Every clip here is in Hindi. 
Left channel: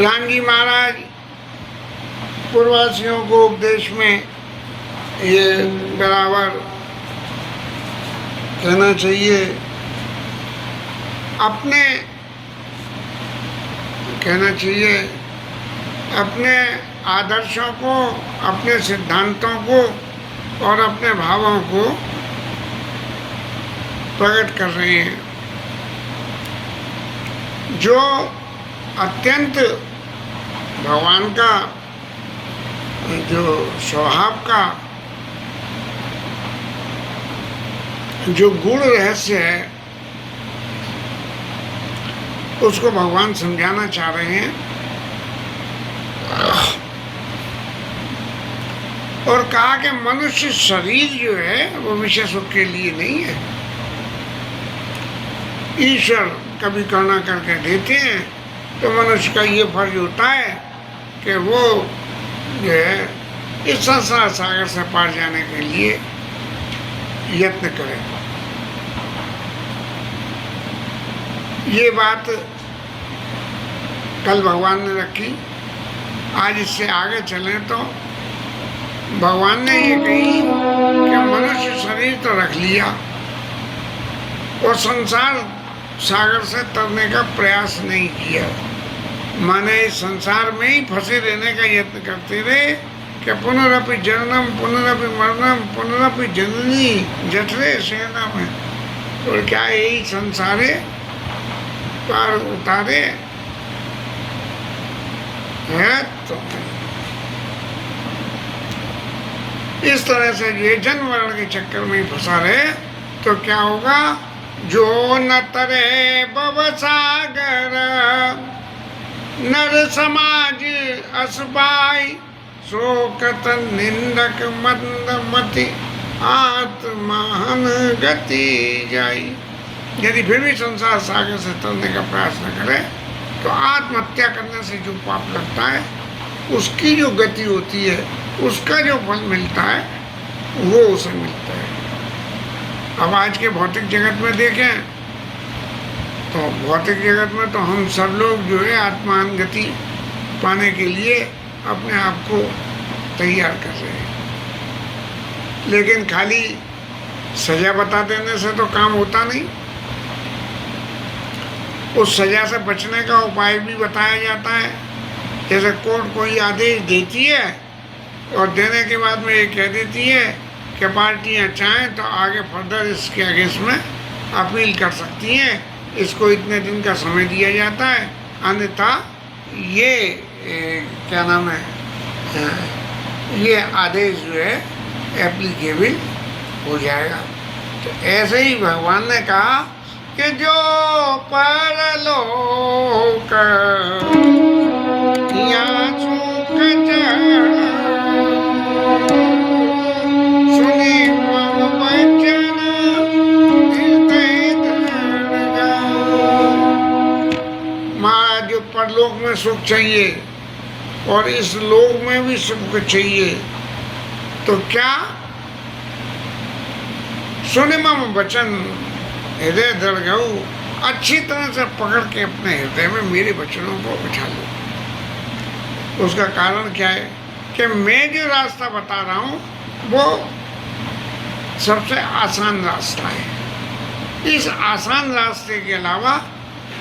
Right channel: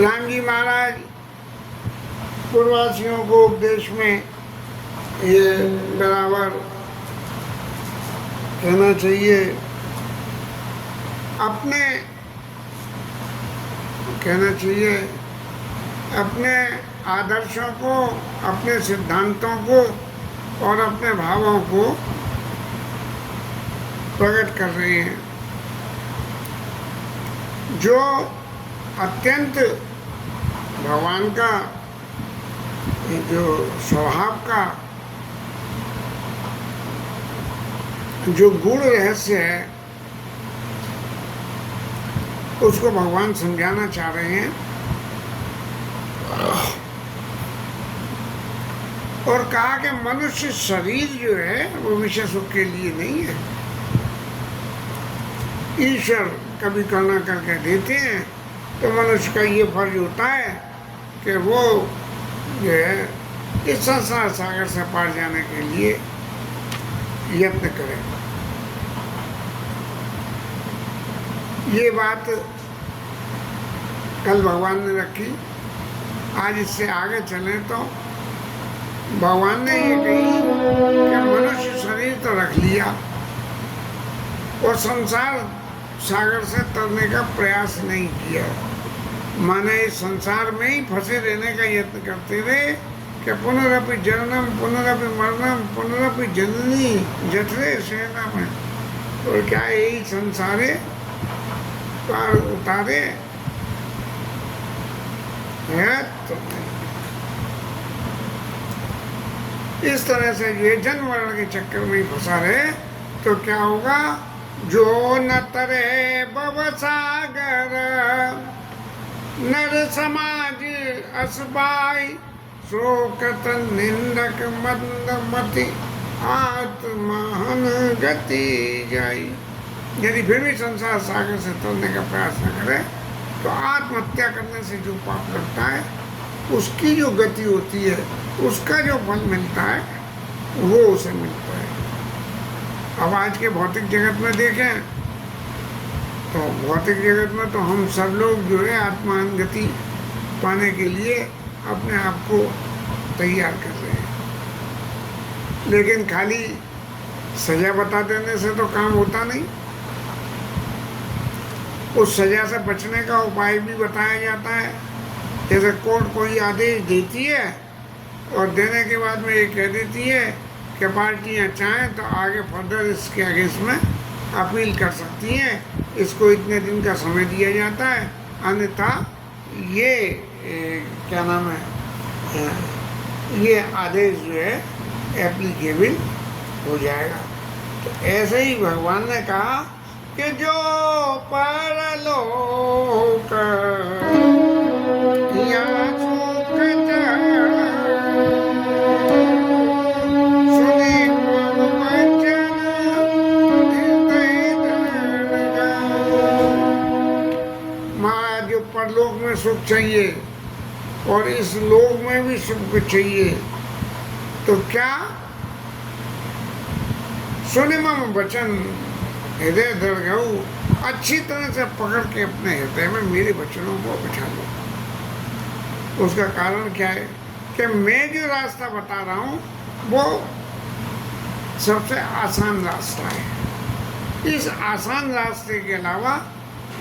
राम जी महाराज पूर्ववासियों को उपदेश में ये बराबर कहना चाहिए, अपने कहना चाहिए अपने आदर्शों को, अपने सिद्धांतों को और अपने भावों को प्रकट कर रहे हैं। जो अत्यंत भगवान का जो स्वभाव का जो गूढ़ रहस्य है उसको भगवान समझाना चाह रहे हैं और कहा कि मनुष्य शरीर जो है वो विषय सुख के लिए नहीं है। ईश्वर कभी करुणा करके देते हैं तो मनुष्य का ये फर्ज होता है कि वो जो है इस संसार सागर से पार जाने के लिए यत्न करे। ये बात कल भगवान ने रखी। आज इससे आगे चलें तो भगवान ने ये कही कि मनुष्य शरीर तो रख लिया और संसार सागर से तरने का प्रयास नहीं किया। माने इस संसार में ही फंसे रहने का यत्न करते रहे कि पुनरपि जननम पुनरपि मरणम पुनरपि जननी जठरे शयनम में। और क्या यही संसारे पार उतारे है। तो इस तरह से ये जन्म मरण के चक्कर में फंसा रहे तो क्या होगा। जो न तरे भवसागर नर समाज असबाई शोकत निंदक मंदमति आत्महन गति जाई। यदि फिर भी संसार सागर से तरने का प्रयास न करे तो आत्महत्या करने से जो पाप लगता है उसकी जो गति होती है, उसका जो फल मिलता है वो उसे मिलता है। अब आज के भौतिक जगत में देखें तो भौतिक जगत में तो हम सब लोग जो है आत्मान गति पाने के लिए अपने आप को तैयार कर रहे हैं। लेकिन खाली सजा बता देने से तो काम होता नहीं। उस सजा से बचने का उपाय भी बताया जाता है। जैसे कोर्ट कोई आदेश देती है और देने के बाद में ये कह देती है कि पार्टियां चाहें तो आगे फर्दर इसके अगेंस्ट में अपील कर सकती हैं। इसको इतने दिन का समय दिया जाता है, अन्यथा ये क्या नाम है, ये आदेश जो है एप्लीकेबल हो जाएगा। तो ऐसे ही भगवान ने कहा कि जो परलोक या सुख सुनी मम वचन हृदय माँ, जो परलोक में सुख चाहिए और इस लोक में भी सुख चाहिए तो क्या सुनि मम वचन हृदय दृढ़ गऊ, अच्छी तरह से पकड़ के अपने हृदय में मेरे वचनों को बिठा लो। उसका कारण क्या है कि मैं जो रास्ता बता रहा हूँ वो सबसे आसान रास्ता है। इस आसान रास्ते के अलावा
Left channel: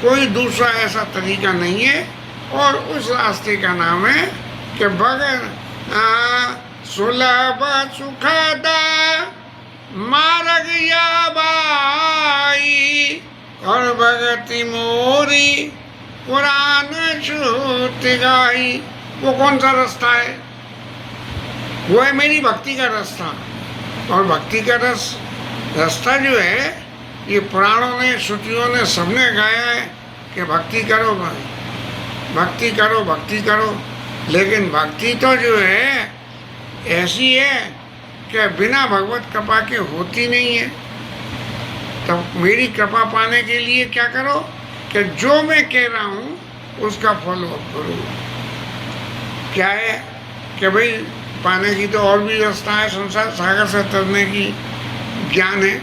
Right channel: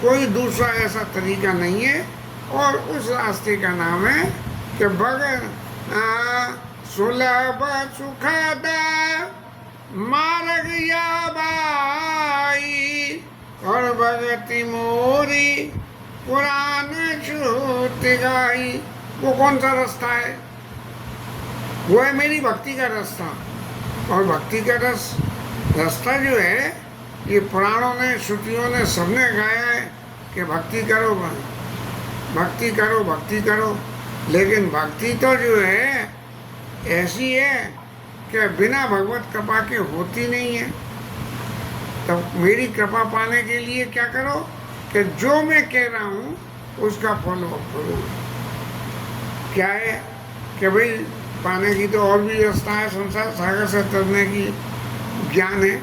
कोई दूसरा ऐसा तरीका नहीं है और उस रास्ते का नाम है कि भगन सुलभ सुखद मार्ग या बाई और भगति मोरी पुराण श्रुति गाई। वो कौन सा रास्ता है? वो है मेरी भक्ति का रास्ता। और भक्ति का रास्ता जो है ये पुराणों ने, श्रुतियों ने, सबने गाया है कि भक्ति करो, भक्ति करो, भक्ति करो। लेकिन भक्ति तो जो है ऐसी है कि बिना भगवत कृपा के होती नहीं है। तब मेरी कृपा पाने के लिए क्या करो कि जो मैं कह रहा हूँ उसका फॉलो अप करो। क्या है कि भाई पाने की तो और भी रास्ता है संसार सागर से तरने की। ज्ञान है,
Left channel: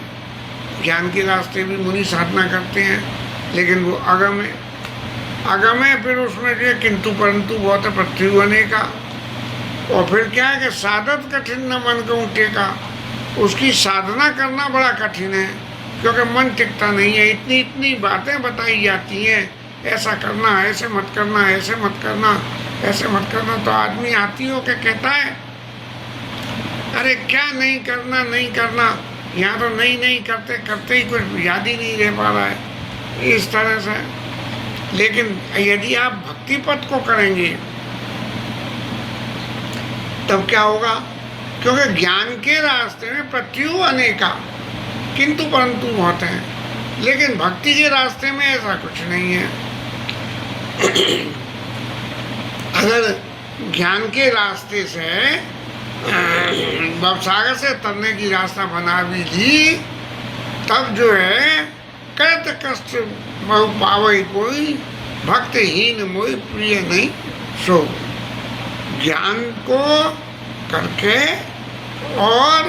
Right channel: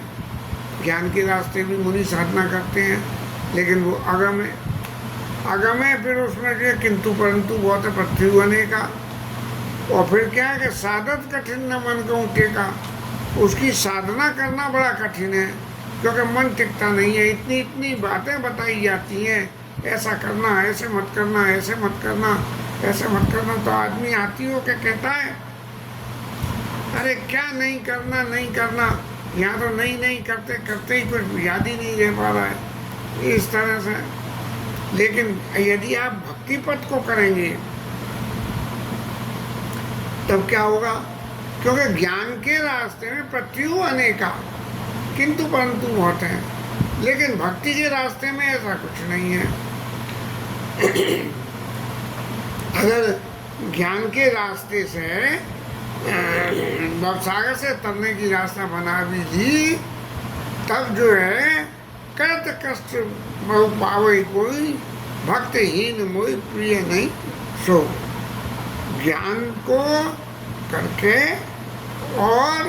ज्ञान के रास्ते भी मुनि साधना करते हैं लेकिन वो अगम है। अगम है, फिर उसमें जो है किंतु परंतु बहुत है, पृथ्वी होने का। और फिर क्या है कि साधत कठिन न मन को टेका, उसकी साधना करना बड़ा कठिन है, क्योंकि मन टिकता नहीं है। इतनी इतनी बातें बताई जाती हैं, ऐसा करना, ऐसे मत करना, ऐसे मत करना, ऐसे मत करना, तो आदमी आती हो के कहता है अरे क्या नहीं करना, नहीं करना, यहाँ तो नहीं नहीं करते करते ही कुछ याद ही नहीं रह पा रहा है, इस तरह से। लेकिन यदि आप भक्ति पथ को करेंगे तब क्या होगा, क्योंकि ज्ञान के रास्ते में प्रत्यु अनेका किंतु परंतु होते हैं, लेकिन भक्ति के रास्ते में ऐसा कुछ नहीं है। अगर ज्ञान के रास्ते से भवसागर से तरने की रास्ता बना भी दी, तब जो है करत कष्ट बहु पावई कोई, भक्तहीन मोई प्रिय नहीं सो। ज्ञान को करके और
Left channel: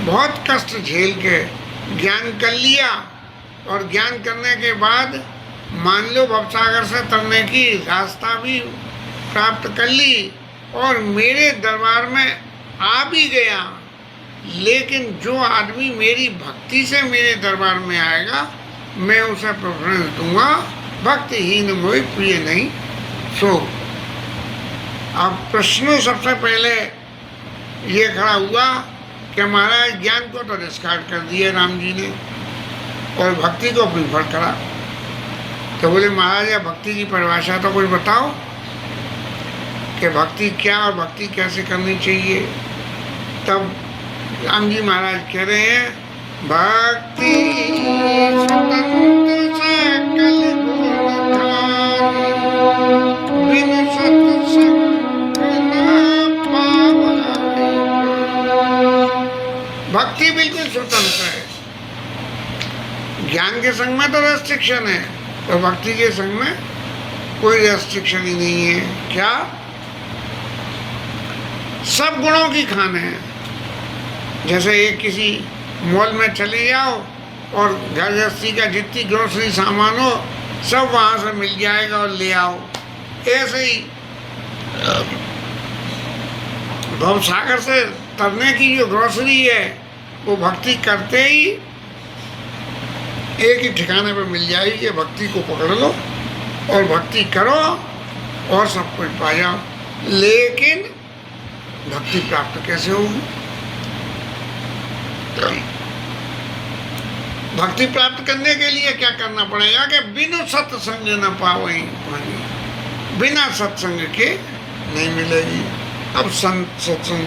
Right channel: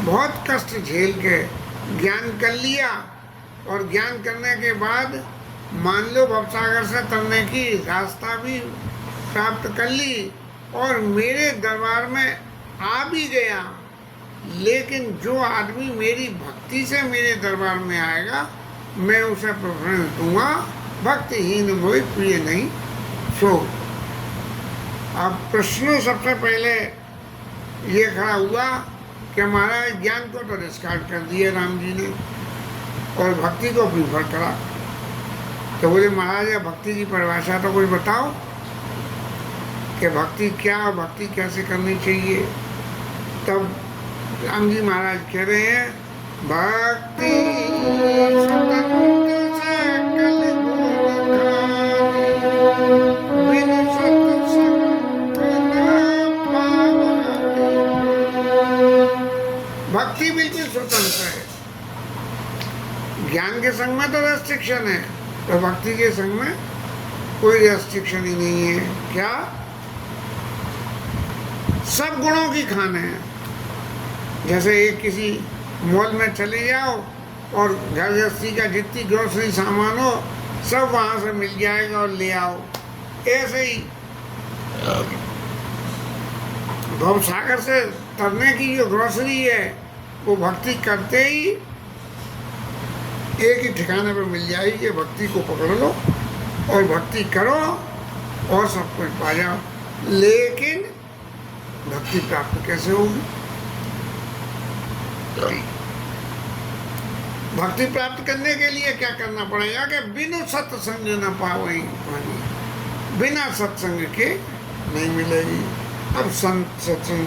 बहुत कष्ट झेल के ज्ञान कर लिया, और ज्ञान करने के बाद मान लो भवसागर से तरने की रास्ता भी प्राप्त कर ली और मेरे दरबार में आ भी गया, लेकिन जो आदमी मेरी भक्ति से मेरे दरबार में आएगा मैं उसे प्रेफरेंस दूंगा, भक्तिहीन मोहि प्रिय नहीं सो। अब प्रश्न सबसे पहले ये खड़ा हुआ कि महाराज ज्ञान को तो डिस्कार्ड कर दिया राम जी ने और भक्ति को प्रीफर करा, तो बोले महाराज भक्ति की परिभाषा तो कुछ बताओ कि भक्ति क्या और भक्ति कैसे करनी चाहिए। तब राम जी महाराज कह रहे हैं भक्ति स्वतंत्र सकल गुण खानी, बिन सत्संग न पावई। भक्ति बिल्कुल स्वतंत्र है, ज्ञान के संग में तो रेस्ट्रिक्शन है और भक्ति के संग में कोई रेस्ट्रिक्शन ही नहीं है। क्या सब गुणों की खान है। जैसे एक किसी मॉल में चले जाओ और घर गृहस्थी का जितनी ग्रोसरी सामान हो सब वहाँ से मिल जाएगा और ले आओ, ऐसे ही भवसागर से तरने की जो ग्रोसरी है वो भक्ति करते ही एक ही ठिकाने पर मिल जाएगी। भक्ति को पकड़ लो और भक्ति करो और सब कुछ पा जाओ। लेकिन भक्ति प्राप्त कैसे होगी? भक्ति प्राप्त करने के लिए क्या करना पड़ेगा कि बिनु सत्संग न पावई पानी, बिना सत्संग के नहीं मिलेगी। अब सत्संग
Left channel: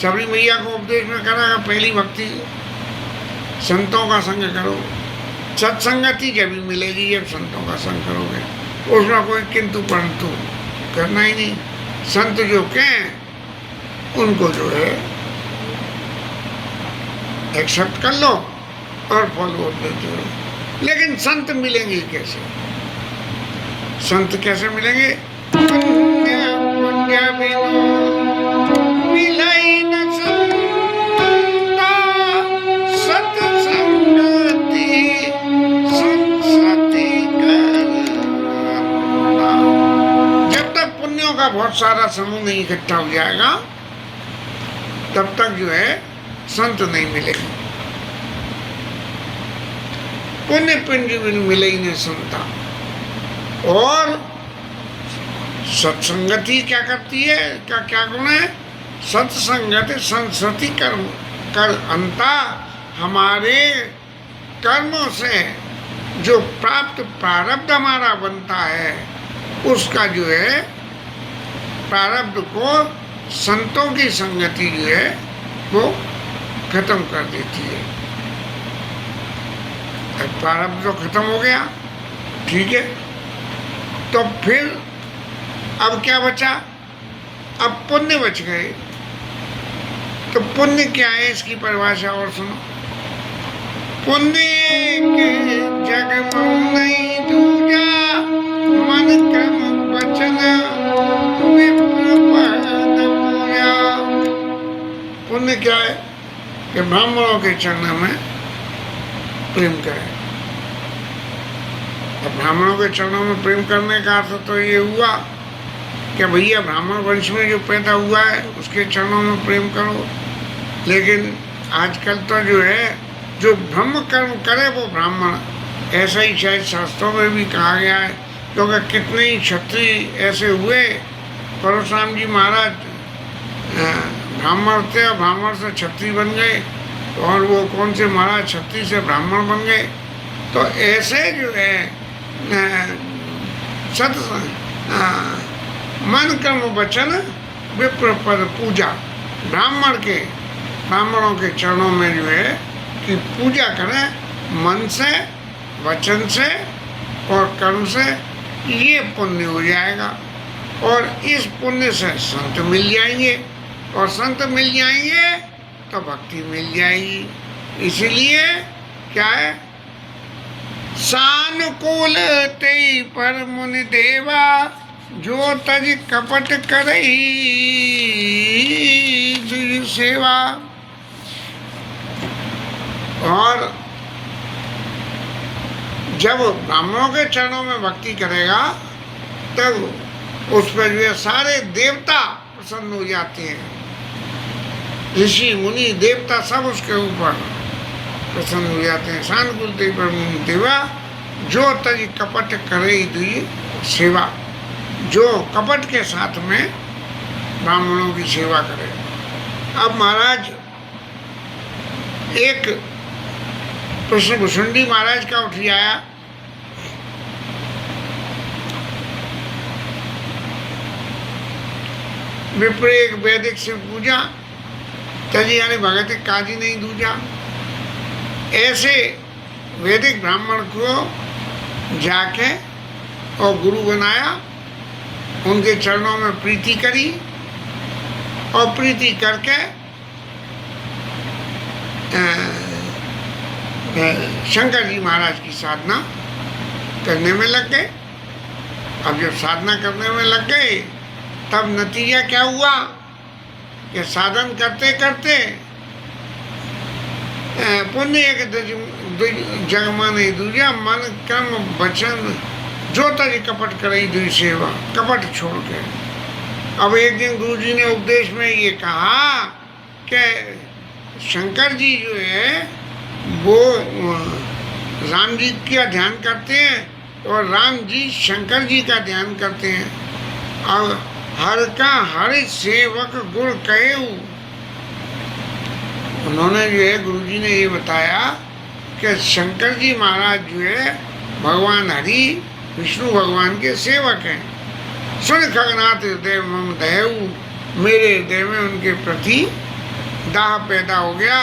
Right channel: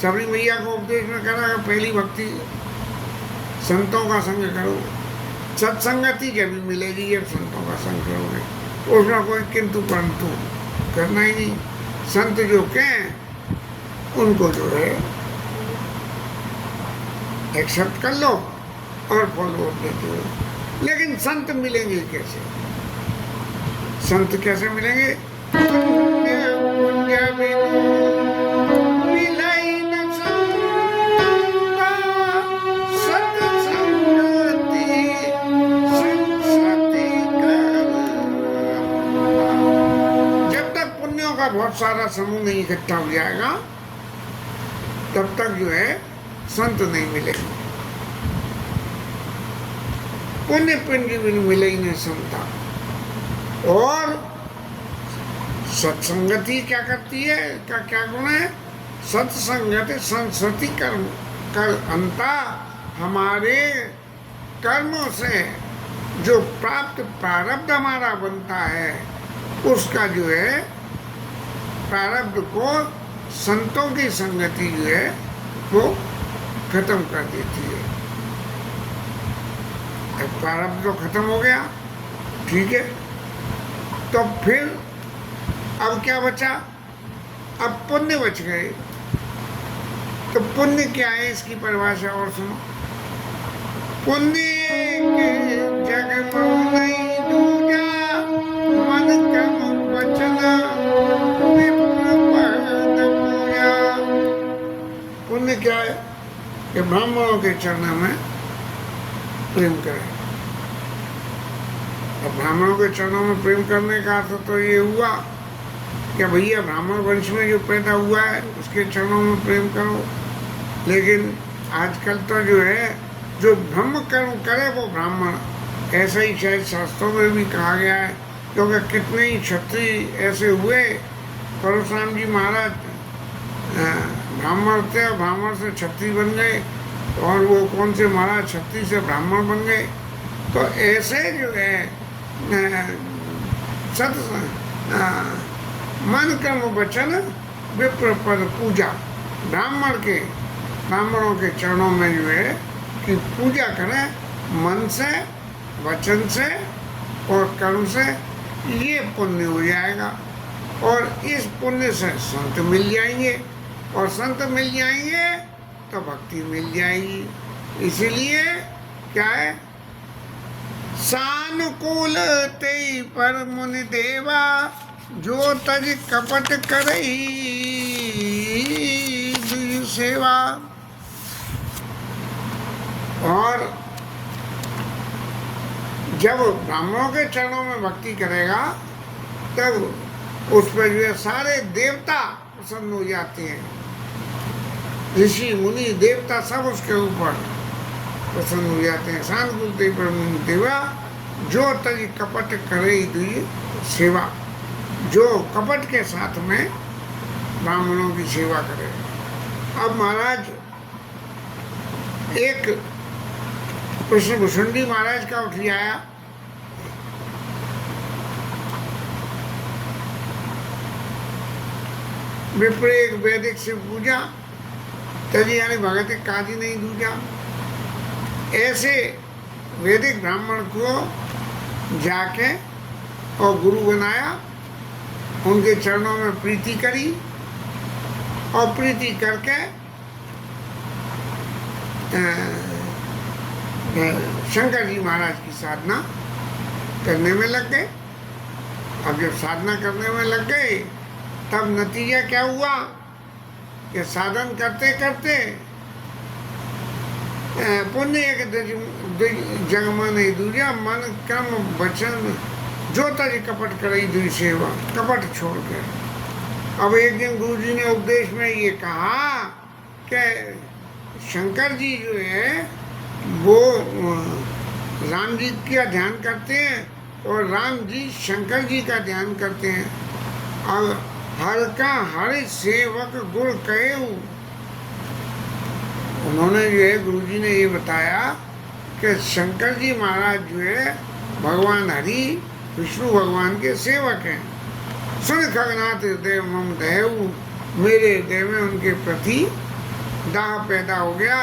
सबरी मैया को उपदेश में करा, पहली भक्ति संतों का संग करो। सत्संगति जब भी मिलेगी जब संतों का संग करोगे, उसमें कोई किंतु परंतु करना ही नहीं। संत जो कहें उनको जो है एक्सेप्ट कर लो और फॉलो देते हो। लेकिन संत मिलेंगे कैसे? संत कैसे मिलेंगे? का बहुत सारा समूह नहीं इकट्ठा हो जाएगा तब तक जो है संत नहीं मिलेगा। पुण्य पिंड भी मिले ही नहीं संता। और सत्संगति क्या करती है, क्या गुण है? सत्संगति संसति कर्म कर अंता, हमारे कर्मों से जो प्राप्त प्रारब्ध हमारा बनता है उसका जो है प्रारब्ध को संतों की संगति जो है वो खत्म कर देती है। प्रारब्ध तो खत्म हो गया, ठीक है, तो फिर अब क्या बचा? अब पुण्य बच गए। तो पुण्य क्या है इसकी परिभाषा और सुनो। पुण्य के जग में नहीं दूजा, मन कर्म वचन विप्र पद पूजा। पुण्य क्या है? कि ब्राह्मणों के चरणों में प्रेम करें। अब ब्राह्मणों के चरणों में प्रेम करने का अर्थ तो ये हुआ कि भैया ब्राह्मण वंश में जो पैदा हुआ है उसके चरणों में प्रेम करो। लेकिन आजकल तो जो है, जो ब्रह्म कर्म करे वो ब्राह्मण, ऐसा ही शायद शास्त्रों में भी कहा गया है। क्योंकि कितने ही क्षत्रिय ऐसे हुए, परशुराम जी महाराज ब्राह्मण थे और ब्राह्मण से क्षत्रिय बन गए, और वो कौन से महाराज क्षत्रिय से ब्राह्मण बन गए। तो ऐसे जो है सत मन कर्म वचन विप्र पद पूजा, ब्राह्मणों के चरणों में जो है कि पूजा करें मन से, वचन से और कर्म से, ये पुण्य हो जाएगा। और इस पुण्य से संत मिल जाएंगे, और संत मिल जाएंगे तो भक्ति मिल जाएगी। इसीलिए क्या है? सानुकूल तेई पर मुनि देवा, जो तज कपट करई दुई सेवा। और जब ब्राह्मणों के चरणों में भक्ति करेगा तब उस पर जो सारे देवता प्रसन्न हो जाते हैं। ऋषि मुनि देवता सब उसके ऊपर प्रसन्न हो जाते हैं। सानुकूल तेई पर मुनि देवा, जो तज कपट करई दुई सेवा, जो कपट के साथ में ब्राह्मणों की सेवा करे। अब महाराज एक प्रश्न भुसुंडी महाराज का उठ आया। विप्र एक वैदिक शिव पूजा, तजी यानी भगत काजी नहीं दूजा। ऐसे वैदिक ब्राह्मण को जाके और गुरु बनाया, उनके चरणों में प्रीति करी, और प्रीति करके शंकर जी महाराज की साधना करने में लग गए। अब जब साधना करने में लग गए तब नतीजा क्या हुआ कि साधन करते करते पुण्य एक जगमा नहीं दूजा, मन कर्म वचन जो तज कपट करई दुई सेवा, कपट छोड़ के। अब एक दिन गुरु जी ने उपदेश में ये कहा कि शंकर जी जो है वो राम जी का ध्यान करते हैं और राम जी शंकर जी का ध्यान करते हैं। और हर का हर सेवक गुण कहे। उन्होंने जो है गुरु जी ने ये बताया कि शंकर जी महाराज जो है भगवान हरि विष्णु भगवान के सेवक हैं। सुन खगनाथ हृदय मम दयऊ, मेरे हृदय में उनके प्रति दाह पैदा हो गया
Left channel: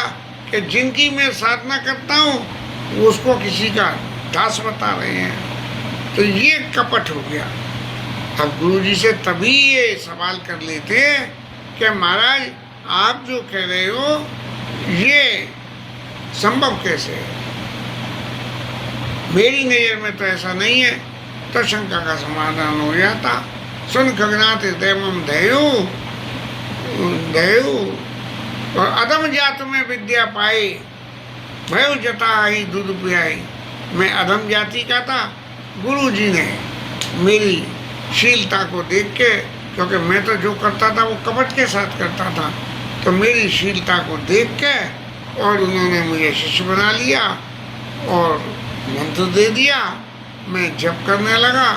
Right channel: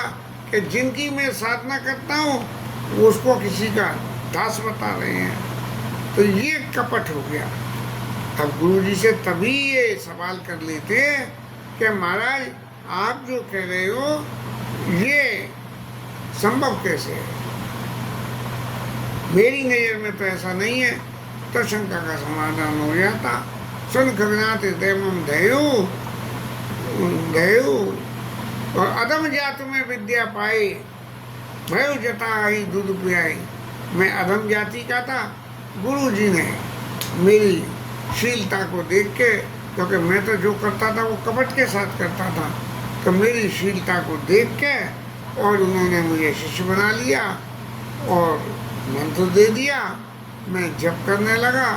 कि जिनकी मैं साधना करता हूँ उसको किसी का दास बता रहे हैं। तो ये कपट हो गया। अब गुरु जी से तभी ये सवाल कर लेते कि महाराज आप जो कह रहे हो ये संभव कैसे है? मेरी नज़र में तो ऐसा नहीं है। तो शंका का समाधान हो जाता। सुन खगनाथ हृदय मम दयऊ दयऊ, और अदम जात में विद्या पाई, भय जता आई दूध पियाई। मैं अधम जाति का था, गुरु जी ने मेरी शीलता को देख के, क्योंकि मैं तो जो करता था वो कपट के साथ करता था, तो मेरी शीलता को देख के और उन्होंने मुझे शिष्य बना लिया और मंत्र दे दिया। मैं जप करने लगा,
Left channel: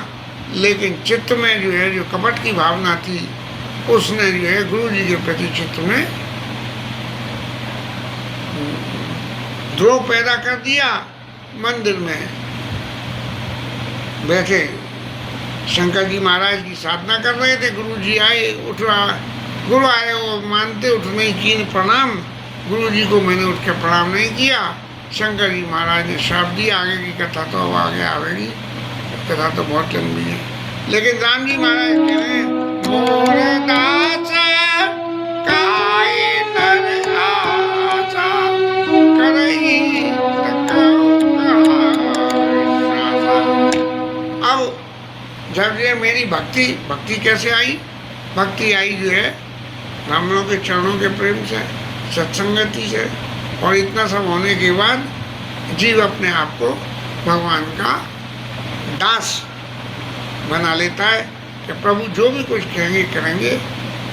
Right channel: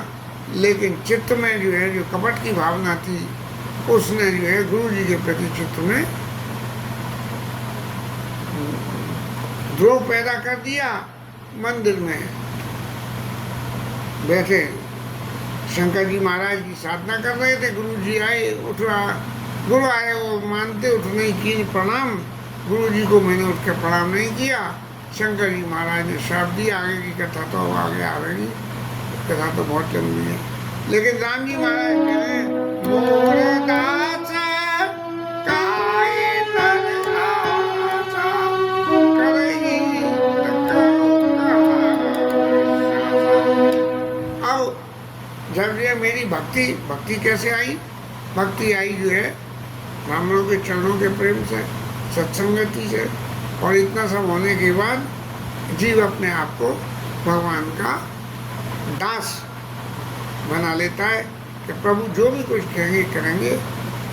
लेकिन चित्त में जो है जो कपट की भावना थी उसने जो है गुरु जी के प्रति चित्त में द्रोह पैदा कर दिया। मंदिर में बैठे शंकर जी महाराज की साधना कर रहे थे, गुरु जी आए, उठा गुरु आए, वो मानते उठ नहीं किए प्रणाम। गुरु जी को मैंने उठ के प्रणाम नहीं किया। शंकर जी महाराज ने श्राप दिया। आगे की कथा तो अब आगे आवेगी, कथा तो बहुत लंबी है, लेकिन राम जी महाराज कह रहे हैं मोर दास काए नर आशा करई अब जब ये मेरी भक्ति कैसे आई? भक्ति आई जो है राम लोगों के चरणों के प्रेम से, सत्संगति से, और इतना सब होने के बाद जीव अपने आप को भगवान का दास बना लेता है कि प्रभु जो भी कुछ कहेंगे करेंगे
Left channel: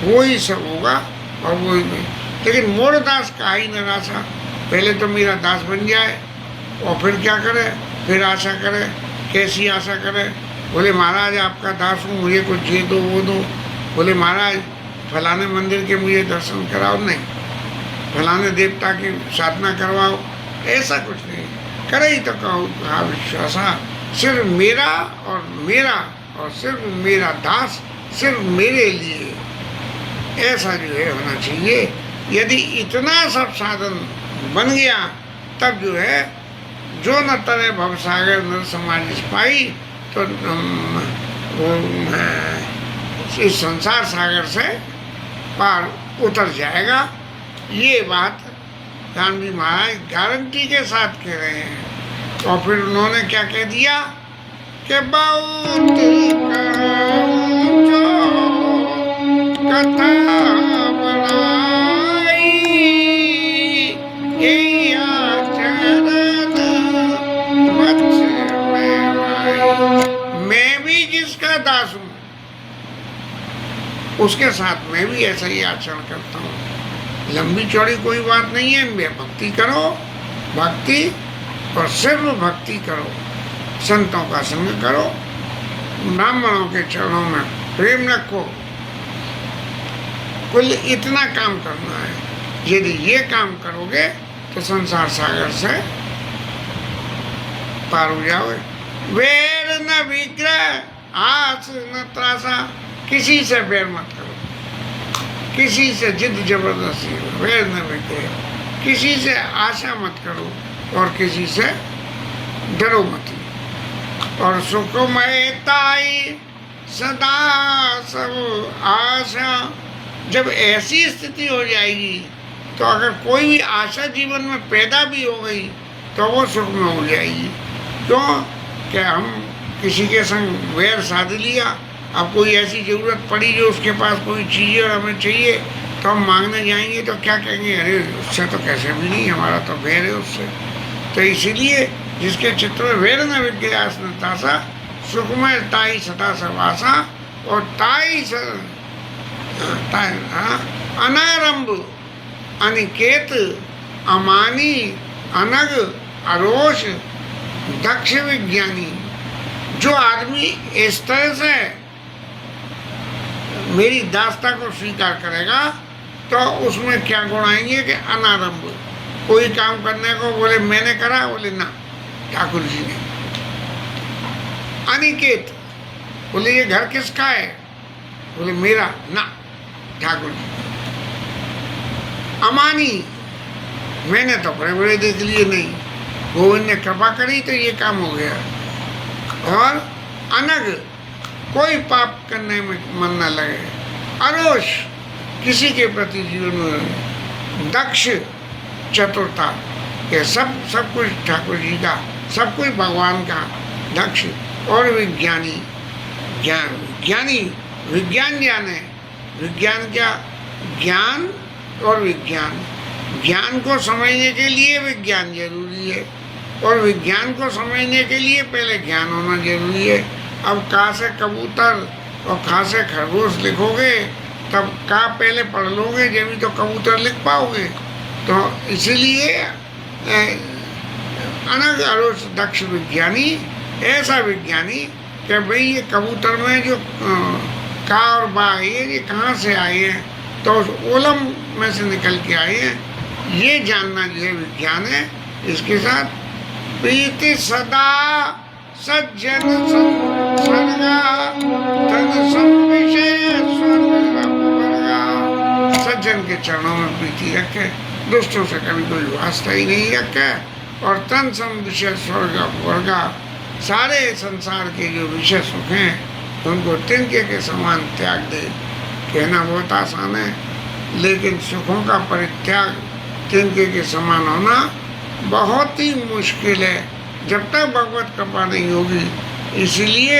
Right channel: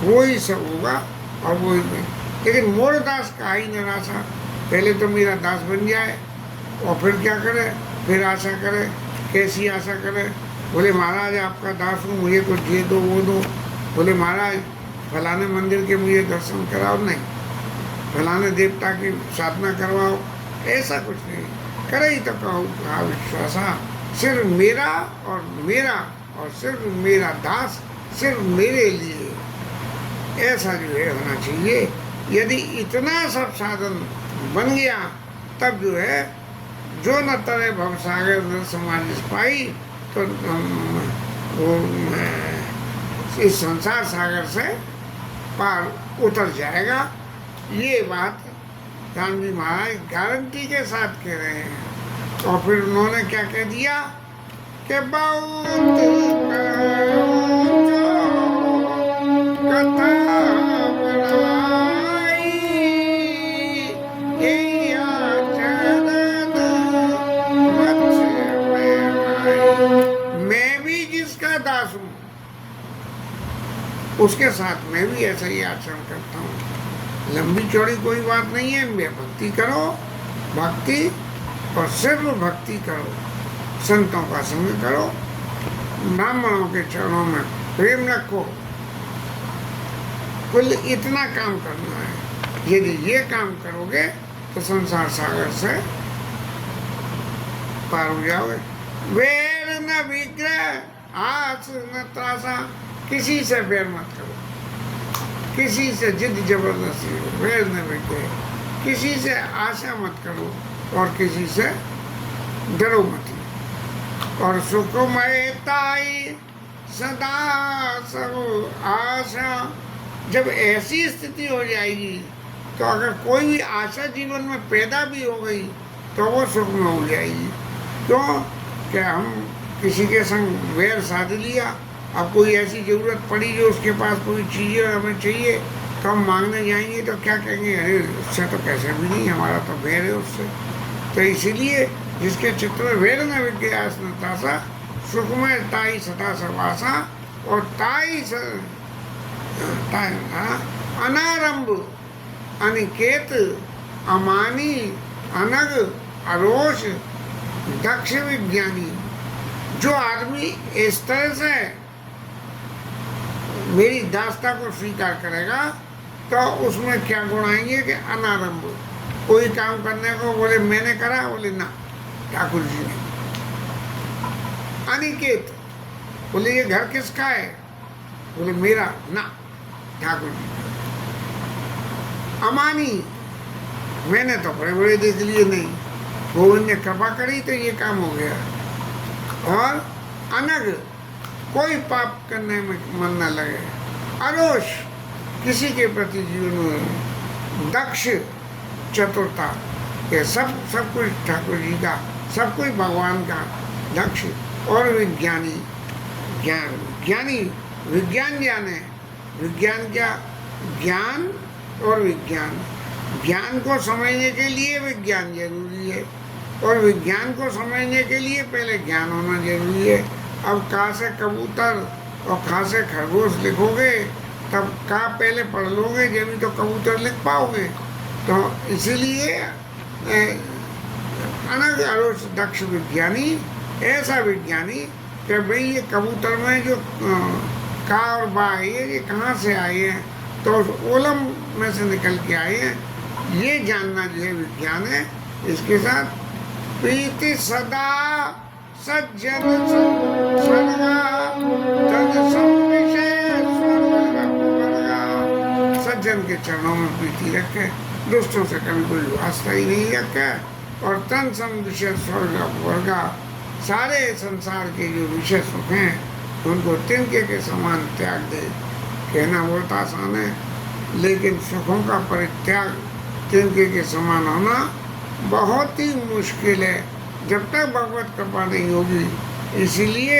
वो ही सब होगा और वो ही नहीं। लेकिन मोर दास का ही निराशा, पहले तो मेरा दास बन जाए और फिर क्या करे, फिर आशा करे। कैसी आशा करे? बोले महाराज आपका दास हूँ, मुझे कुछ ये दो वो दो। बोले महाराज फलाने मंदिर के मुझे दर्शन कराओ, नहीं फलाने देवता की साधना करवाओ, ऐसा कुछ नहीं। करे ही तो कहो कहा विश्वासा, सिर्फ मेरा और सिर्फ मेरा दास, सिर्फ मेरे लिए, ऐसा जो है होना चाहिए। यदि इतना सब साधन बन गया तब जो है जो न तरे भवसागर न समाज पाई, तो इस संसार सागर से पार उतर जाएगा। ये बात राम जी महाराज गारंटी के साथ कह रहे हैं। और फिर उन्होंने क्या कह दिया कि बहुत कथा बनाई, ये आचरण मत्स्य में आई। मैं भी जिसका दास हूँ उसके साथ मैं भी ऐसा ही आचरण करता हूँ। लंबी चौड़ी कोई बात नहीं है, भक्ति करो, भक्ति और सिर्फ भक्ति करो, संतों का संग करो, ब्राह्मणों के चरणों में प्रेम रखो। कुल इतना काम करना है। यदि ये काम करोगे तो संसार सागर से पार हो जाओगे। वैर न विग्रह आस न त्रासा, किसी से वैर मत करो, किसी से जिद जबरदस्ती, वैर न विग्रह, किसी से आशा मत करो और किसी से डरो मत। और सुखमयताई सदा सब आशा, जब ऐसी स्थिति हो जाएगी तो अगर कोई भी आशा जीवन में पैदा भी हो गई तो वो सुख में हो जाएगी। क्यों? कि हम किसी के संग वैर साध लिया, अब कोई ऐसी ज़रूरत पड़ी जो उसके पास कोई चीज़ और हमें चाहिए तो हम मांगने जाएंगे तो क्या कहेंगे, अरे उससे तो कैसे भी नहीं, हमारा तो वैर है उससे। तो इसीलिए जिसके चित्र में वैर न विज्ञास न तासा, सुखमय ताई सदा सवासा, और ताई अनारंभ अनिकेत अमानी अनग अरोष दक्ष विज्ञानी। जो आदमी इस तरह से मेरी दास्ता को स्वीकार करेगा तो उसमें क्या गुण आएंगे कि अनारंभ, कोई काम करने को बोले मैंने करा, बोले ना ठाकुर जी ने। अनिकेत, बोले ये घर किसका है, बोले मेरा, ना ठाकुर जी का। अमानी, मैंने तो बड़े बड़े देख लिए, नहीं गोविंद ने कृपा करी तो ये काम हो गया। और अनग, कोई पाप करने में मन न लगे। अरोष, किसी के प्रति जीवन में। दक्ष, चतुरता, ये सब कुछ ठाकुर जी का, सब कुछ भगवान का। दक्ष और विज्ञानी, ज्ञानी विज्ञान जाने। विज्ञान क्या? ज्ञान और विज्ञान। ज्ञान को समझने के लिए विज्ञान जरूरी है और विज्ञान को समझने के लिए पहले ज्ञान होना जरूरी है। अब का से कबूतर और खा से खरगोश लिखोगे तब का पहले पढ़ लोगे जब भी तो कबूतर लिख पाओगे। तो इसीलिए अनग अरोष दक्ष विज्ञानी, ऐसा विज्ञानी कि भाई ये कबूतर में जो का और बा ये कहाँ से आए हैं, तो उस ओलम में से निकल के आए हैं, ये जानना जो है विज्ञान है। इसके साथ प्रीति सदा सज्जन स्वर्गा तन संविषय स्वर्गा। सज्जन के चरणों में प्रीति रखे, दुष्टों से कभी कोई वास्ता ही नहीं रखे, और तन सम विषय स्वर्ग वर्गा, सारे संसार के जो विषय सुख हैं उनको तिनके के समान त्याग दे। कहना बहुत आसान है, लेकिन सुखों का परित्याग तिनके के समान होना बहुत ही मुश्किल है जब तक भगवत कृपा नहीं होगी। इसीलिए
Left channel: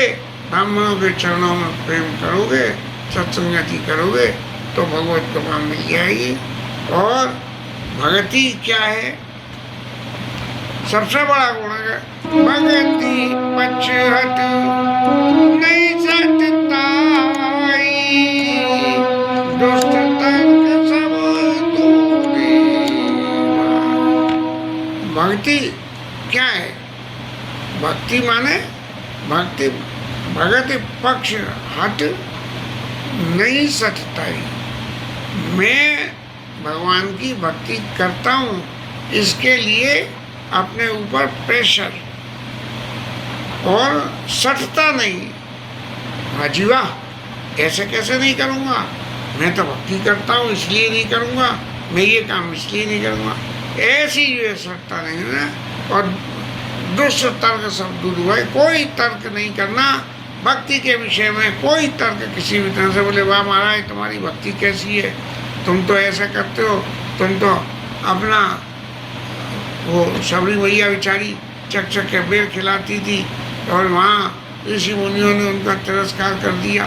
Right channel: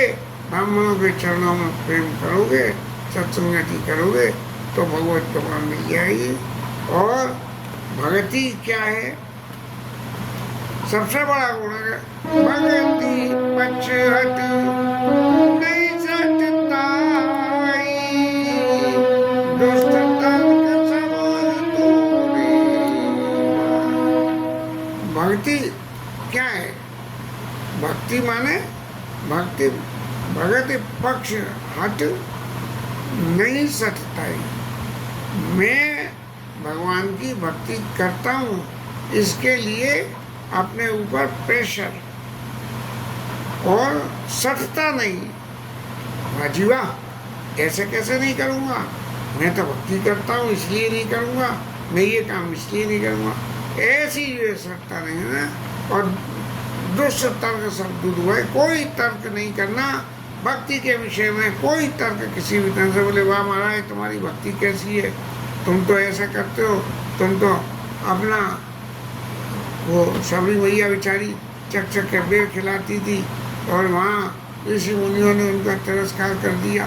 ब्राह्मणों के चरणों में प्रेम करोगे, सत्संगति करोगे तो भगवत कृपा मिल जाएगी। और भक्ति क्या है? सबसे बड़ा गुण है भक्ति पक्षहट नहीं सतताई, दुष्ट तर्क सब दूरी। भक्ति क्या है? भक्ति माने भक्ति भगत पक्ष हट नहीं सटताई। मैं भगवान की भक्ति करता हूँ, इसके लिए अपने ऊपर प्रेशर और सटता नहीं। हाजी वाह, ऐसे कैसे नहीं करूँगा, मैं तो भक्ति करता हूँ इसलिए नहीं करूँगा, मैं ये काम इसलिए नहीं करूँगा, ऐसी ये सटता नहीं है। और दुष्ट तर्क सब दूर हुआ। कोई तर्क नहीं करना भक्ति के विषय में, कोई तर्क किसी भी तरह से। बोले वाह महाराज तुम्हारी भक्ति कैसी है, तुम तो ऐसा करते हो, तुम तो अपना वो सबरी मैया बेचारी चक चक के बेर खिलाती थी और वहाँ ऋषि मुनियों ने उनका तिरस्कार कर दिया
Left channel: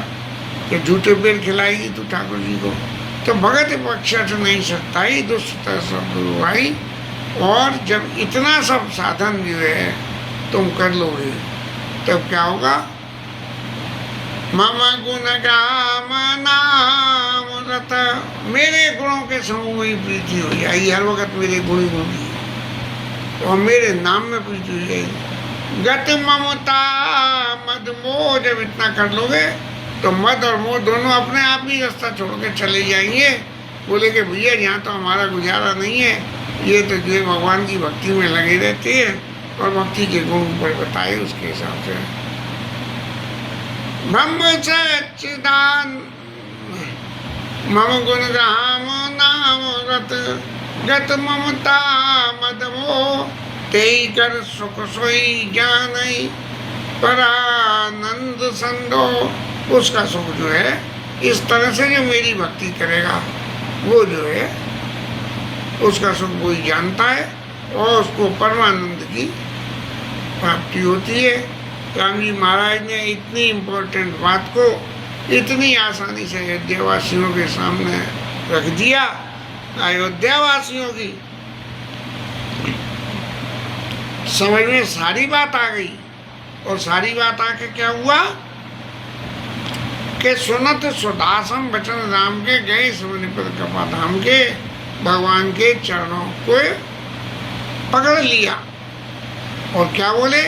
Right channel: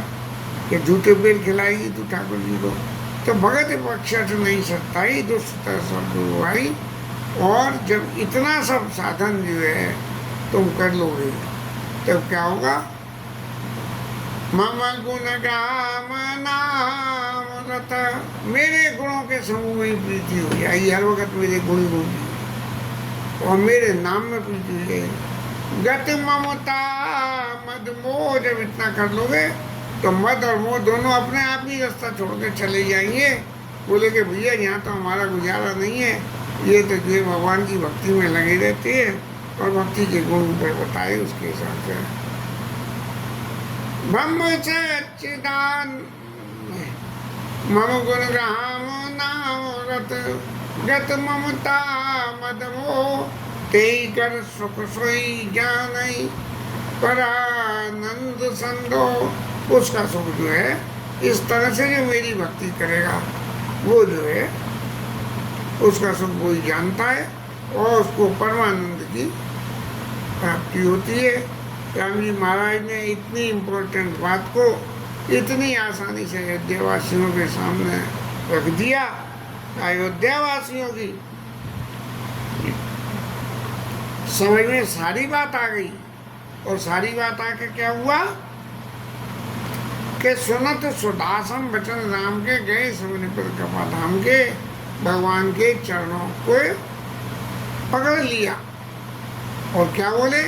कि झूठे बेर खिलाएगी तू ठाकुर जी को। तो भगत पक्ष नहीं सकता ही, दुष्टता सब गुरु भाई। और जब इतना सब साधन जो है तुम कर लोगे तब क्या होगा? मम गुण गाम नाम रत, मेरे गुणों के समूह में प्रीति हो जाएगी। हर वक्त मेरे गुण होगी और मेरे नाम में प्रीति हो जाएगी। गत ममता मद मोह, जब इतना कर लोगे तो मद और मोह दोनों अपने आप ही रास्ता छोड़ के चले जाएंगे। बोले कि भैया यहाँ तो हमारा गुजारा नहीं है, ये तो जो भगवान की भक्ति में लगे रहते हैं और भक्ति के गुण ऊपर बताए उसके हिसाब से। ब्रह्म सच्चिदान मम गुण गाम नाम रत, गत ममता मद मोह, तेई कर सुख सोई जानई, परानंद संदो। उसका सुख जो है इस तरह से जो मेरी भक्ति करेगा वो जो है उसका सुख वही जानता है और उसको परमानंद की प्राप्ति होती है। राम जी महाराज ने इतनी इम्पोर्टेंट बात को इतनी आसानी से अयोध्यावासियों के सामने रख दिया। अयोध्यावासियों की समझ में सारी बात आ गई और सारी बात आके क्या हुआ कि सुनत सुदासम वचन राम के गए सबनिपद कृपा धाम के, भगवान के चरणों को पकड़ लिया और क्या बोले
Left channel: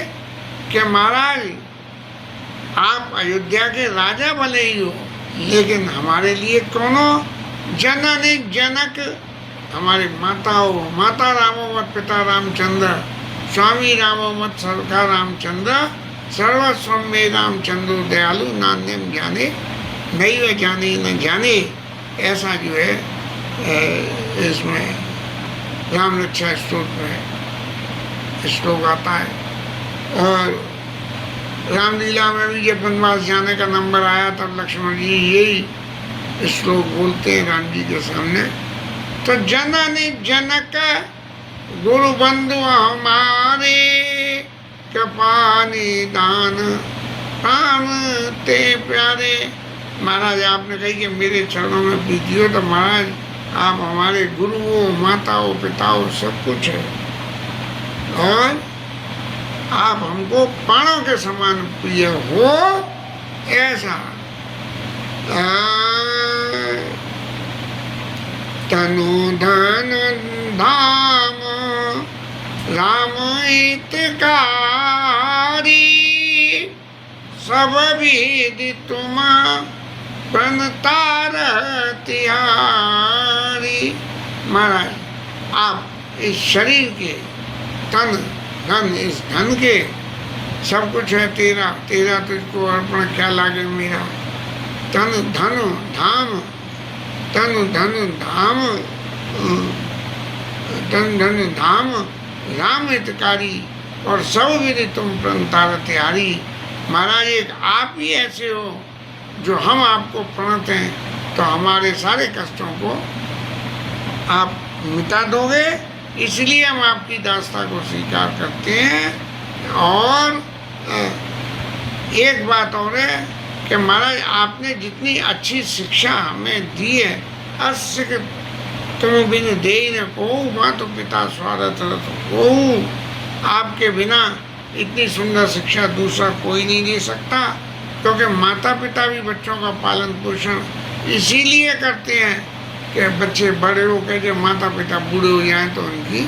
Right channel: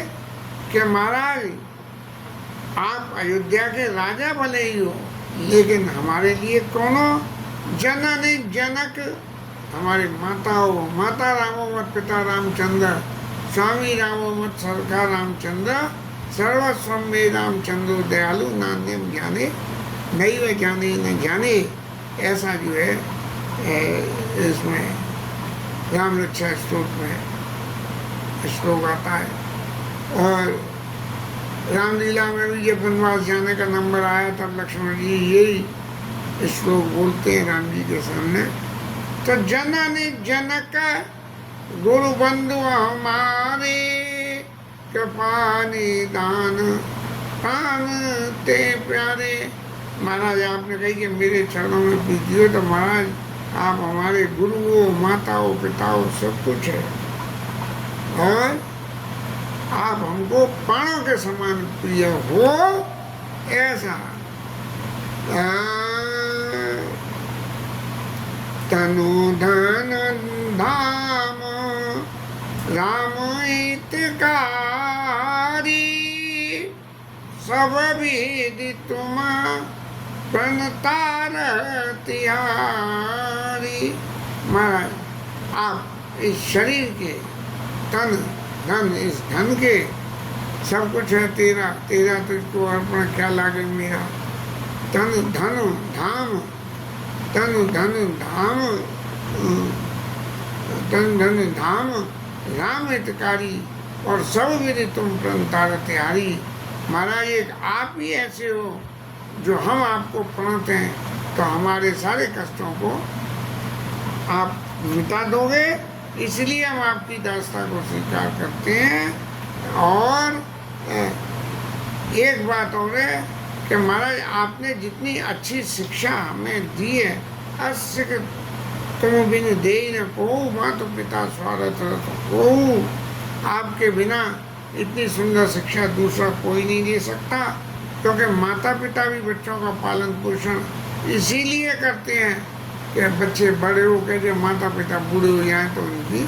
कि महाराज आप अयोध्या के राजा भले ही हो, लेकिन हमारे लिए कौन हो? जनन जनक, हमारे माता हो। माता रामो मत पिता रामचंद्र, स्वामी रामो मत सरका रामचंद्र, सर्वस्व में रामचंद्र दयालु, नान्यम जाने नहीं व जाने न जाने। ऐसा जो है इसमें राम रक्षा स्तोत्र में श्लोक आता है। और रामलीला में भी जब वनवास जाने का नंबर आया तब लक्ष्मण जी यही श्लोक बोलते हैं राम जी के सामने। तो जनन जनक गुरु बंधु हमारे, कृपा निदान प्राण ते प्यारे। महाराज आपने कही कि मेरे चरणों में प्रीति हो, तो महाराज आप हमारे गुरु हो, माता हो, पिता हो, सब कुछ है और आप हमको प्राणों के समान प्रिय हो। ऐसा तनु धन धाम राम हितकारी, सब विधि तुम बनतार तिहारी। महाराज आप इस शरीर के तन धन, इस धन के सब कुछ है तेरा, तेरा तुझको अर्पण क्या लागे मेरा। तन धन धाम, तन धन धाम, तन धन धाम राम हितकारी और सब विधि तुम प्रणतार तिहारी। महाराज एक आप ही ऐसे हो जो हम आपको प्रणत हैं, तो हमारे सारे कष्टों को आप मिटा दोगे, इसलिए हम आपकी दास्ता को स्वीकार करते हैं। और एक बात और है कि महाराज आपने जितनी अच्छी शिक्षा हमें दी है, अस्य तुम बिन दे न को मातो पिता स्वागत हो, आपके बिना इतनी सुंदर शिक्षा दूसरा कोई नहीं दे सकता, क्योंकि माता पिता भी बच्चों का पालन पोषण इसीलिए करते हैं कि बच्चे बड़े हो के जब माता पिता बूढ़े हो जाएं तो उनकी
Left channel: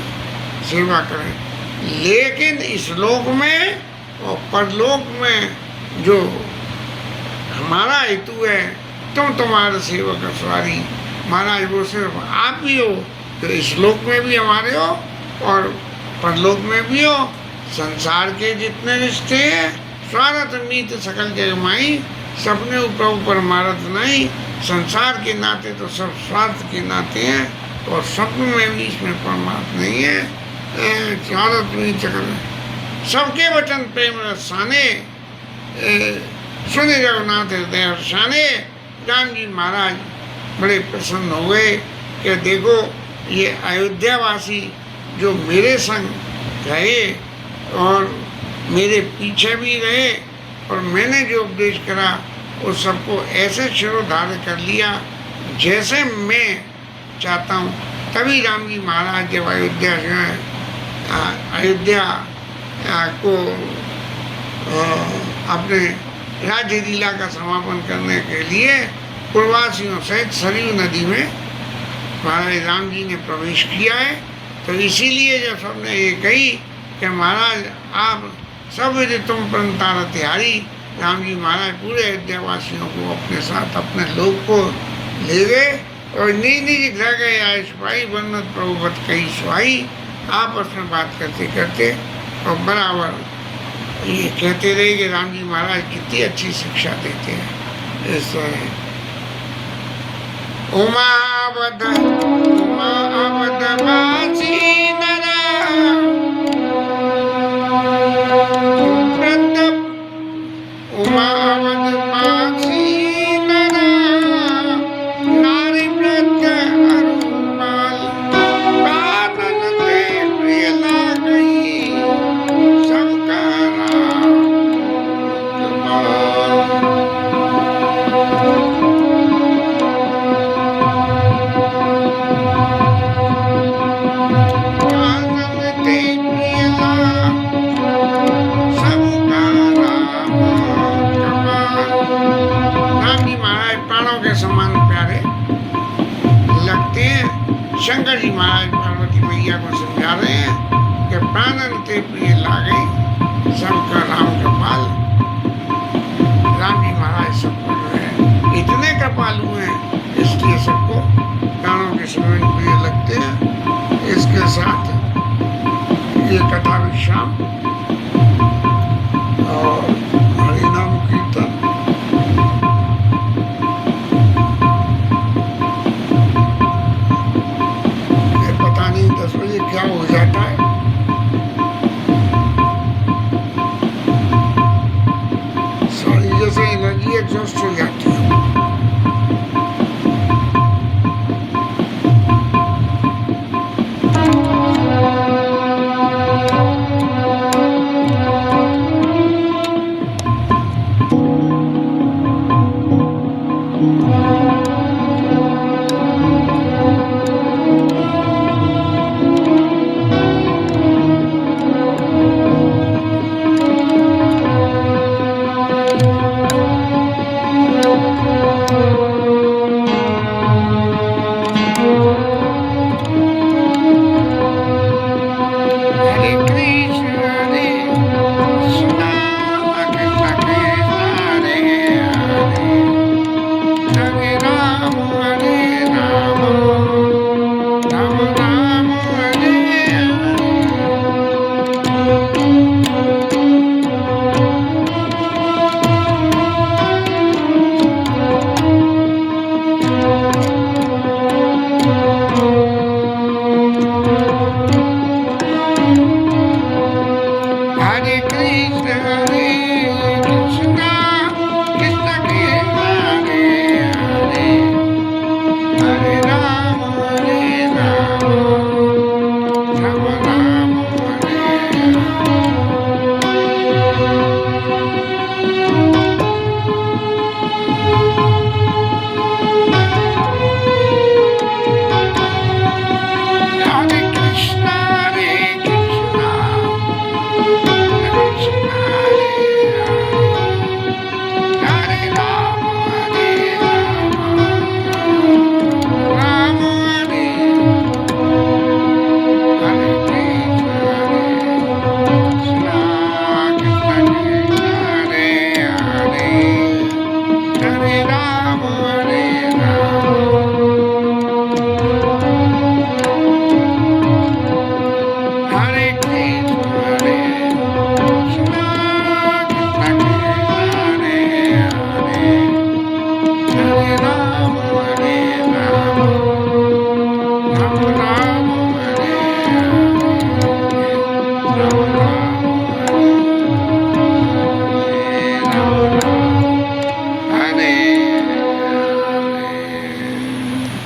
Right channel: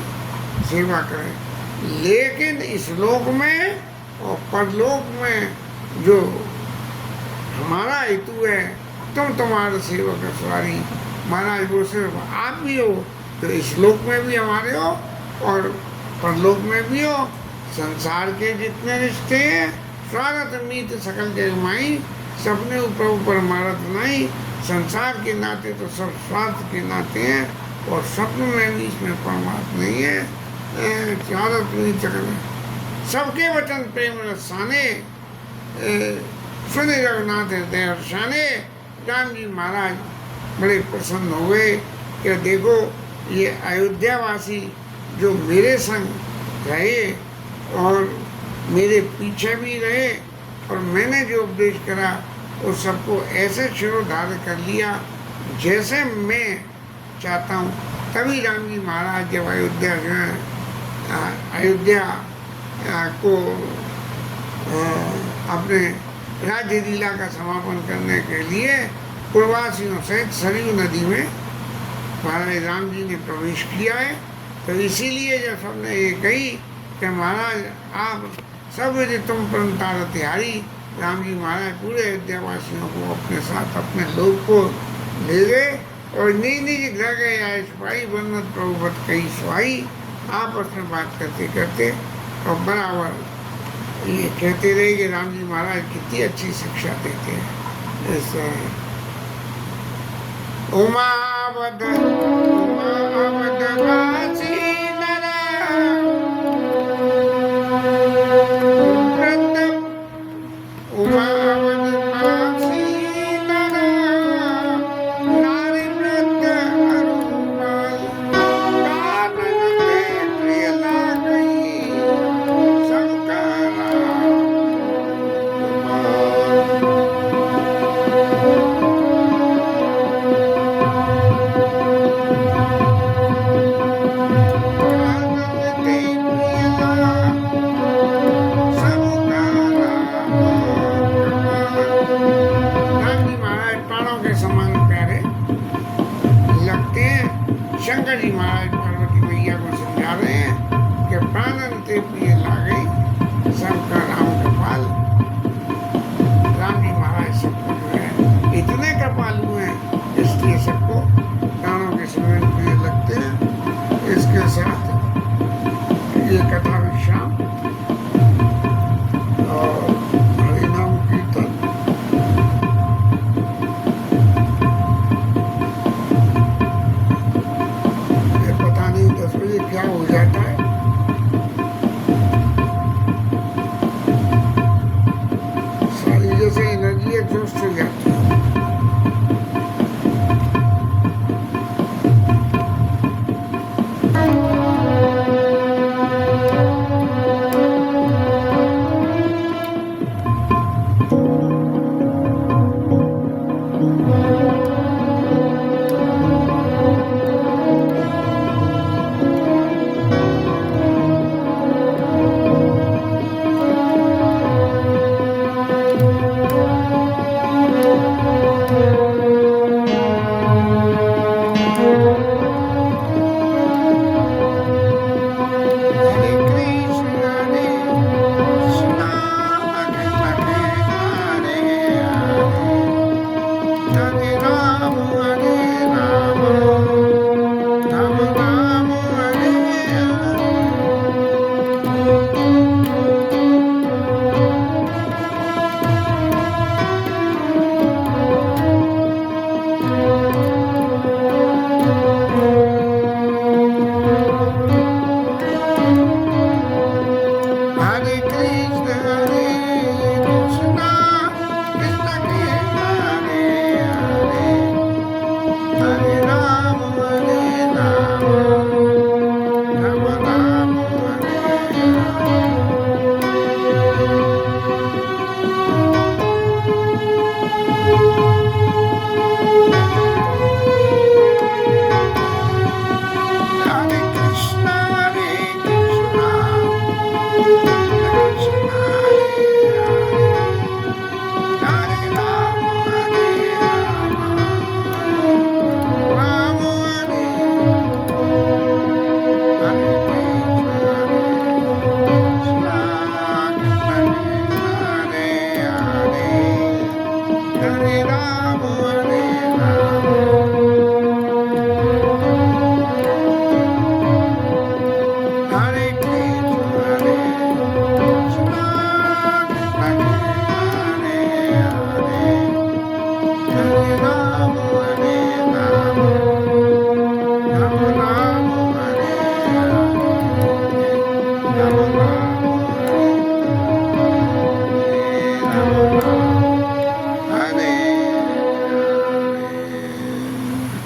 सेवा करें। लेकिन इस लोक में और परलोक में जो हमारा हेतु है, तुम्हारे सेवक सवारी महाराज वो सिर्फ आप ही हो, तो इस लोक में भी हमारे हो और परलोक में भी हो। संसार के जितने रिश्ते हैं स्वार्थ मीत सकल जग माई, सपने ऊपर ऊपर मारत नहीं। संसार के नाते तो सब स्वार्थ के नाते हैं और स्वप्न में भी इसमें परमात्मा नहीं है। स्वार्थ मीत सकल सबके वचन प्रेम रसाने, सुने जगन्नाथ हृदय हर्षाने। राम जी महाराज बड़े प्रसन्न हो गए कि देखो ये अयोध्यावासी जो मेरे संग रहे और मेरे पीछे भी रहे और मैंने जो उपदेश करा उस सबको ऐसे शिरोधार्य कर लिया जैसे मैं चाहता हूँ। तभी राम जी महाराज जब अयोध्या को अपने राज्य लीला का समापन करने के लिए पूर्ववासियों सहित सरयू नदी में महाराज राम जी ने प्रवेश किया है। तो इसीलिए जब सबने ये कही कि महाराज आप सब यदि तुम प्रणतार तिहारी, राम जी महाराज पूरे अयोध्यावासियों को अपने साथ अपने लोक को ले गए और निज निज घर गए आए सिपाही बनत प्रभुवत कही सुहाई। आपस में बात करते करते और बराबर ये कहते रहे कि राम जी महाराज कितनी अच्छी शिक्षा देते हैं। इस उमावद बासी शंकर जी महाराज पार्वती मैया को समझा रहे हैं कि प्राणन ते प्रिय लागे सबका राम कृपाल। राम जी महाराज सबको जो है इतने कृपालु हैं, इसलिए सबको प्राणों के समय